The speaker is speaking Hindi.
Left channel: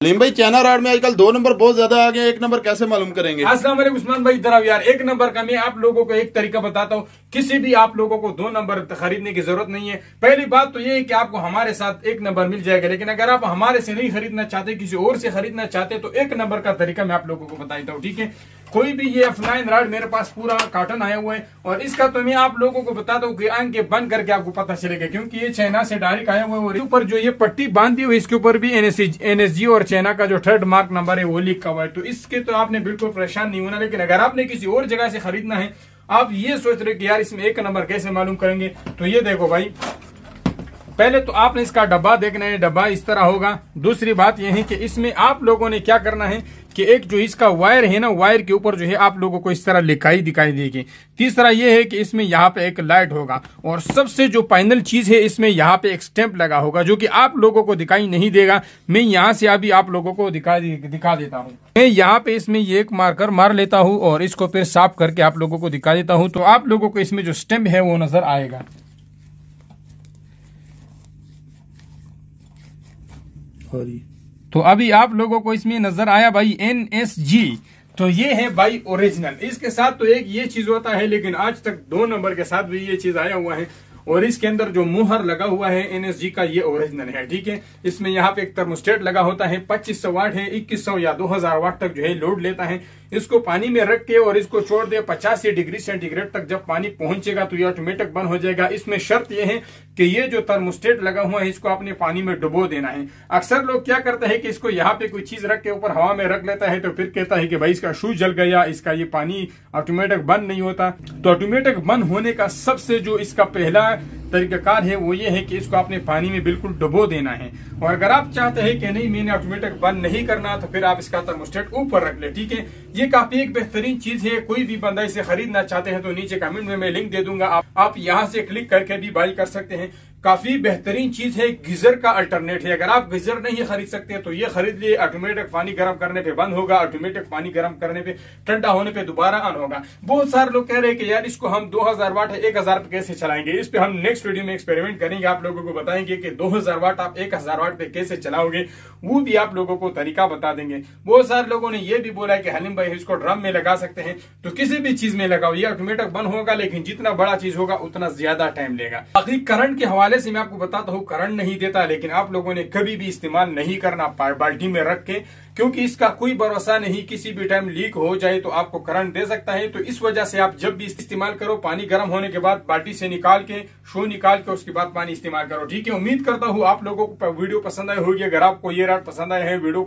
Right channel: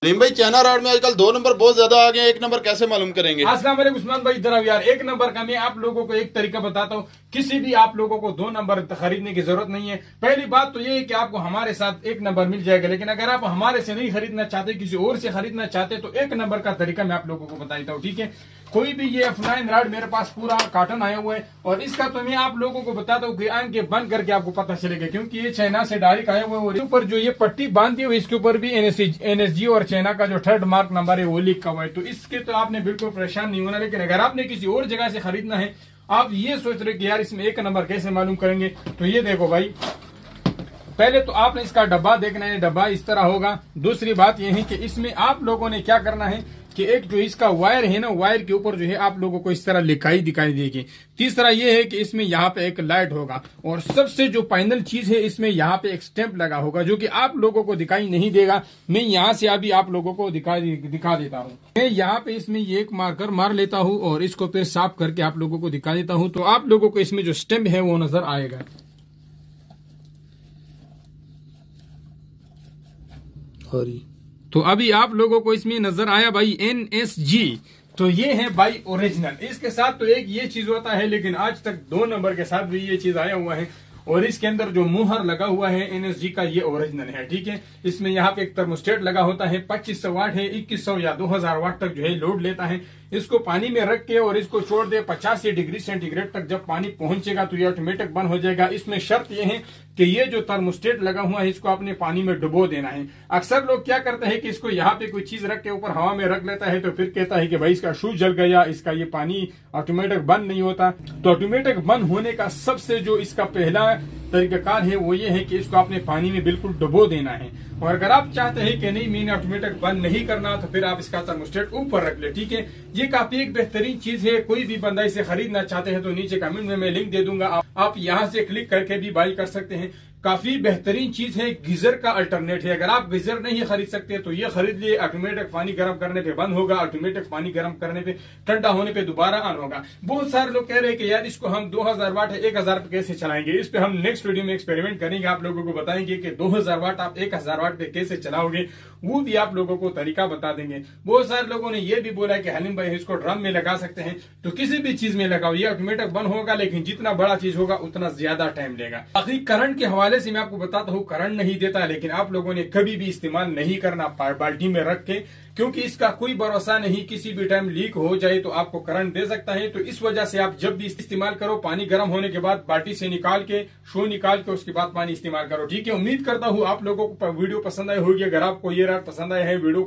लीम भाई, चाइना राड में आजकल 2 नंबर बहुत ज्यादा आ गए, 1 नंबर कैसे मालूम करेंगे? अस्सलाम वालेकुम उस्मान भाई, इधर आओ यार। 1 नंबर का मैं आप लोगों को एक तरीका बताता हूँ। किसी भी आप लोगों को 2 नंबर खरीदने की जरूरत नहीं है। पहली बात तो ये है कि आपको हमारे साथ 1 नंबर मिल जाएगा, लेकिन अगर आप हमारे से नहीं खरीदना चाहते, किसी और से खरीदना चाहते, तो 1 नंबर का तरीका मैं आप लोगों को बताता हूँ, ठीक है। कोई भी ये F9 राड मेरे पास पूरा कार्टन आया हुआ है, और इसका तो मैं आप लोगों को बताता हूँ कि आंखें बंद करके आपको पता चलेगा, क्योंकि ये चाइना से डायरेक्ट आया हुआ है। और ऊपर जो ये पट्टी बांधी हुई, इसके ऊपर भी NSG और चाइना का जो थर्ड मार्क नंबर है वो लिखा हुआ है। तो इसके तो आपने बिल्कुल परेशान नहीं होना। लेकिन अगर आपने किसी और जगह से खरीदना है, आप ये सोच रहे कि यार इसमें 1 नंबर कैसे मालूम करेंगे, तो ये देखो भाई, पहले तो आपने इसका डब्बा देखना है। डब्बा इस तरह होगा। दूसरी बात यह है कि इसमें आप लोगों ने क्या करना है कि एक जो इसका वायर है ना, वायर के ऊपर जो है आप लोगों को इस तरह लिखाई दिखाई देगी। तीसरा यह है कि इसमें यहाँ पे एक लाइट होगा, और सबसे जो फाइनल चीज है, इसमें यहाँ पे एक स्टैंप लगा होगा, जो कि आप लोगों को दिखाई नहीं देगा। मैं यहाँ से अभी आप लोगों को दिखा देता हूँ। मैं यहाँ पे इसमें ये एक मार्कर मार लेता हूँ, और इसको फिर साफ करके आप लोगों को दिखा देता हूँ। तो आप लोगों को इसमें जो स्टैंप है वो नजर आएगा। तो अभी आप लोगों को इसमें नजर आया भाई NSG। तो ये है भाई ओरिजिनल। इसके साथ तो एक ये चीज होता है, लेकिन आज तक 2 नंबर के साथ भी ये चीज आया हुआ है। और इसके अंदर जो मुहर लगा हुआ है NSG का, ये ओरिजिनल है, ठीक है। इसमें यहाँ पे एक थर्मोस्टेट लगा होता है, 2500 वाट है, 2100 या 2000 वाट तक जो है लोड लेता है। इसको पानी में रख के और इसको छोड़ दे 85 डिग्री सेंटीग्रेड तक। जब पानी पहुंचेगा तो ये ऑटोमेटिक बंद हो जाएगा। इसमें शर्त यह है कि ये जो थर्मोस्टेट लगा हुआ है, इसको आपने पानी में डुबो देना है। अक्सर लोग क्या करते हैं कि इसको यहाँ पे कोई चीज रख के ऊपर हवा में रख लेता है, तो फिर कहता है कि भाई इसका शूज जल गया, इसका ये पानी ऑटोमेटिक बंद नहीं होता। तो ऑटोमेटिक बंद होने का सबसे जो इसका पहला तरीकाकार है वो ये है कि इसको आपने पानी में बिल्कुल डुबो देना है। और अगर आप चाहते हैं कि नहीं, मैंने ऑटोमेटिक बंद नहीं करना, तो फिर आप इसका थर्मोस्टेट ऊपर रख ले, ठीक है। ये काफी एक बेहतरीन चीज है। कोई भी बंदा इसे खरीदना चाहते हैं तो नीचे कमेंट में मैं लिंक दे दूंगा, आप यहाँ से क्लिक करके भी बाय कर सकते हैं। काफी बेहतरीन चीज है। गीजर का अल्टरनेट है। अगर आप गीजर नहीं खरीद सकते तो ये खरीद लिए। ऑटोमेटिक पानी गर्म करने पे बंद होगा, ऑटोमेटिक पानी गर्म करने पे, ठंडा होने पे दोबारा ऑन होगा। बहुत सारे लोग कह रहे हैं कि यार इसको हम 2000 वाट है 1000 पे कैसे चलाएंगे। इस पे हम नेक्स्ट वीडियो में एक्सपेरिमेंट करेंगे, आप लोगों को बताएंगे कि 2000 वाट आप 1000 वाट पे कैसे चलाओगे, वो भी आप लोगों को तरीका बता देंगे। बहुत सारे लोगों ने ये भी बोला कि हलीम भाई इसको ड्रम में लगा सकते हैं, तो किसी भी चीज में लगाओ, ये ऑटोमेटिक बंद होगा, लेकिन जितना बड़ा चीज होगा उतना ज्यादा टाइम लेगा। बाकी करंट के हवाले से मैं आपको बताता हूँ, करंट नहीं देता, लेकिन आप लोगों ने कभी भी इस्तेमाल नहीं करना बाल्टी में रख के, क्योंकि इसका कोई भरोसा नहीं, किसी भी टाइम लीक हो जाए तो आपको करंट दे सकता है। तो इस वजह से आप जब भी इस्तेमाल करो, पानी गर्म होने के बाद बाल्टी से निकाल के, शो निकाल के, उसके बाद पानी इस्तेमाल करो, ठीक है। उम्मीद करता हूँ आप लोगों को वीडियो पसंद आई होगी। अगर आपको ये रात पसंद आए है, वीडियो को